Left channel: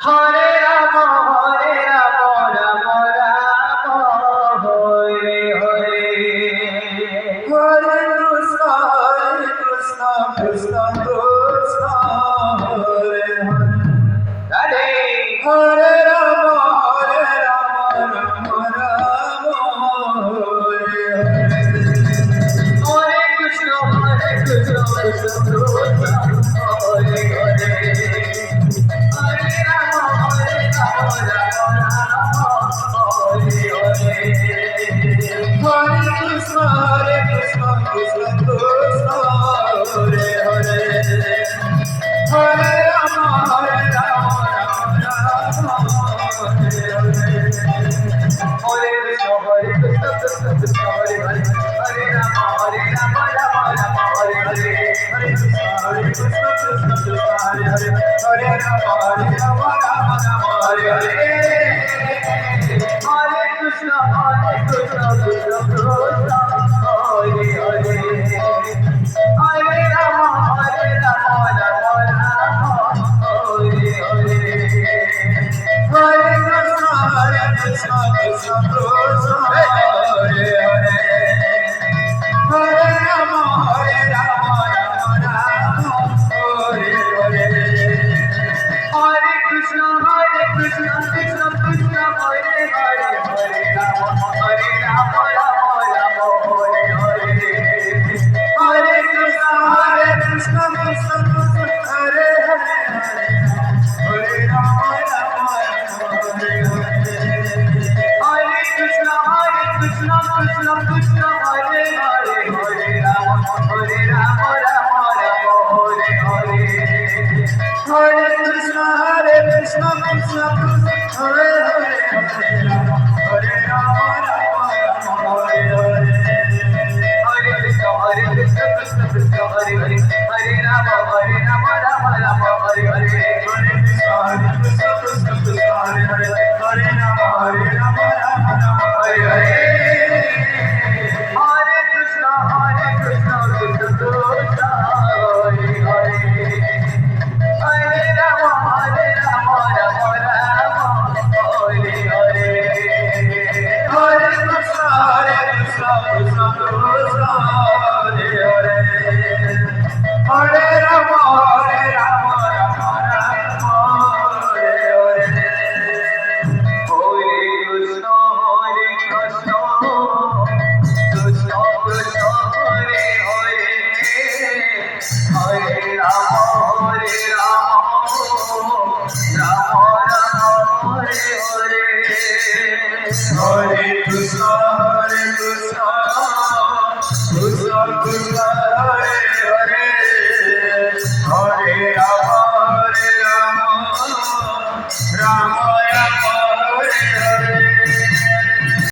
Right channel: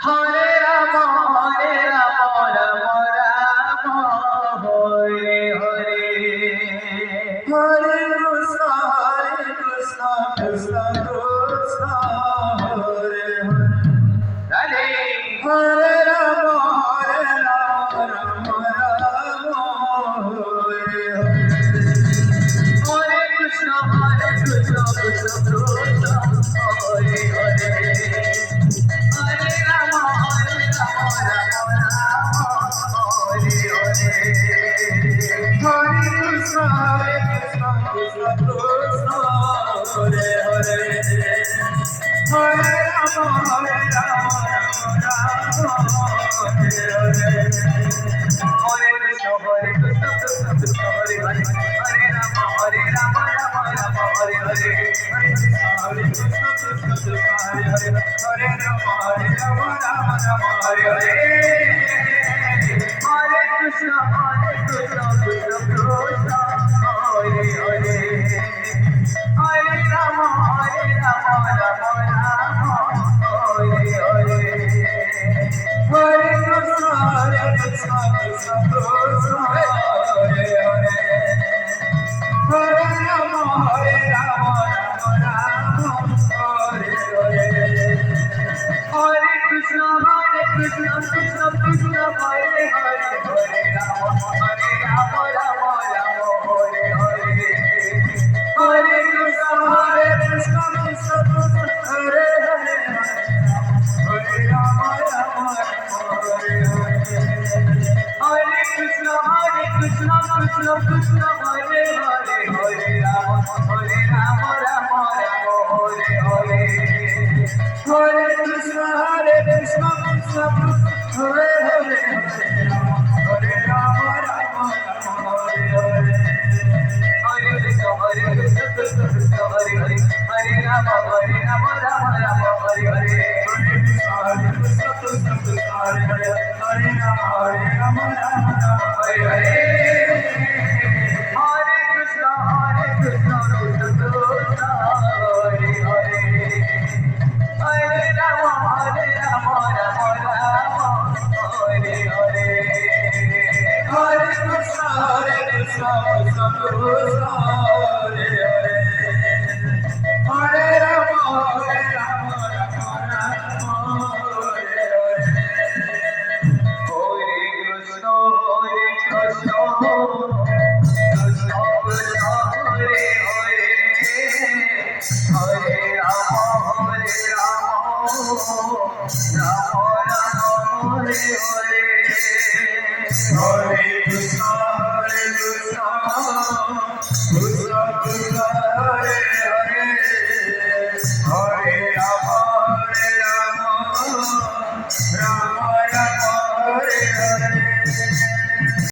Hare Rama, Rama Rama, Hare Hare. Hare Krishna, Krishna Krishna, Hare Hare. Hare Rama, Rama Rama, Hare Hare. Hare Krishna, Krishna Krishna, Hare Hare. Hare Rama, Rama Rama, Hare Hare. Hare Krishna, Krishna Krishna, Hare Hare. Hare Rama, Rama Rama, Hare Hare. Hare Krishna, Krishna Krishna, Hare Hare. Hare Rama, Rama Rama, Hare Hare. Hare Krishna, Krishna Krishna, Hare Hare. Hare Rama, Rama Rama, Hare Hare. Hare Krishna, Krishna Krishna, Hare Hare. Hare Rama, Rama Rama, Hare Hare. Hare Krishna, Krishna Krishna, Hare Hare. Hare Rama, Rama Rama, Hare Hare. Hare Krishna, Krishna Krishna, Hare Hare. Hare Rama, Rama Rama, Hare Hare. Hare Krishna, Krishna Krishna, Hare Hare. Hare Rama, Rama Rama, Hare Hare. Hare Krishna, Krishna Krishna, Hare Hare. Hare Rama, Rama Rama, Hare Hare. Hare Krishna, Krishna Krishna, Hare Hare. Hare Rama, Rama Rama, Hare Hare. Hare Krishna, Krishna Krishna, Hare Hare. Hare Rama, Rama Rama, Hare Hare. Hare Krishna, Krishna Krishna, Hare Hare. Hare Rama, Rama Rama, Hare Hare. Hare Krishna, Krishna Krishna, Hare Hare. Hare Rama, Rama Rama, Hare Hare. Hare Krishna, Krishna Krishna, Hare Hare. Hare Rama, Rama Rama, Hare Hare. Hare Krishna, Krishna Krishna, Hare Hare. Hare Rama, Rama Rama, Hare Hare. Hare Krishna,